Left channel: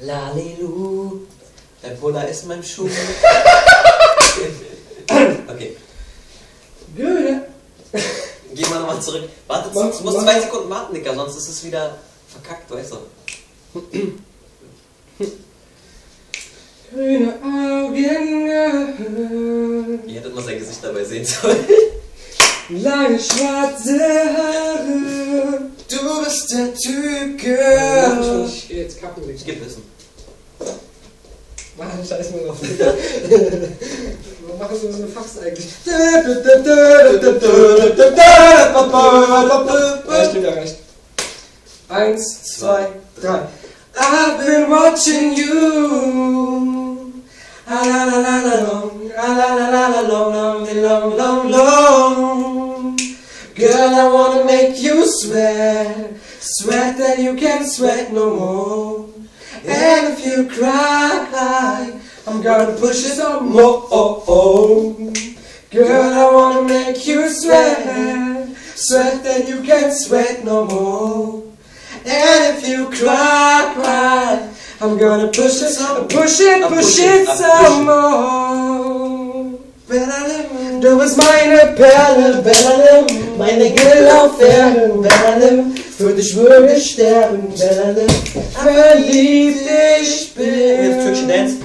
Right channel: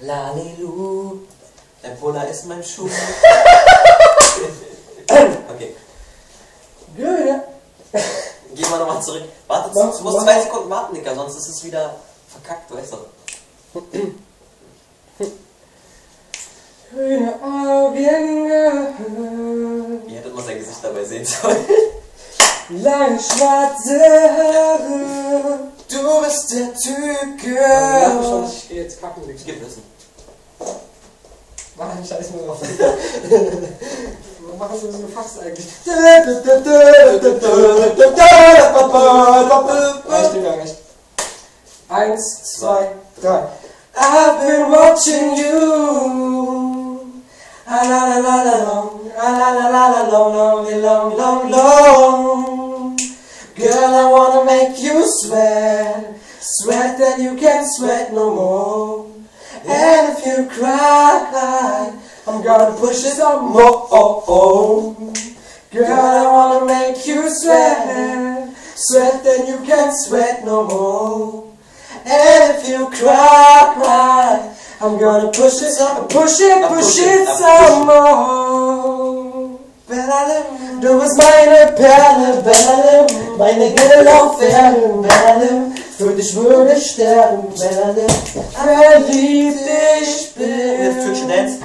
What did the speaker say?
Lalilu, dein Puller ist mein Schuh. Okay. Geh mal nochmal zurück. Warte, du musst 2 Sekunden warten, Dicker, sonst ist es wieder verkackt, weißt du. Grüne Augen, Ihr hättet mal sein Gesicht dabei sehen sollen. lange schwarze Haare. Du bist der Typ, Ich Girl. geh jetzt kacken, Digga. Ich geh pissen. Mach einen Scheiß mal drauf. Machen Sie so eine Fax eigentlich? Ja, stimmt ja recht. 1, 2, 3. I've been watching you. La la la la la long, la la la la la long, long, long, long, long. Girl, I wanna make you sweat, sweat that you can't sweat no more. And if you cry, I'm gonna push it some more. Girl, I wanna make you sweat, sweat that you can't sweat no more. And if you cry, I'm gonna push it some more. Du bist meine Perle, meine Gelaufen, für dich würde ich sterben, verliebt ich bin. Türkische Dance.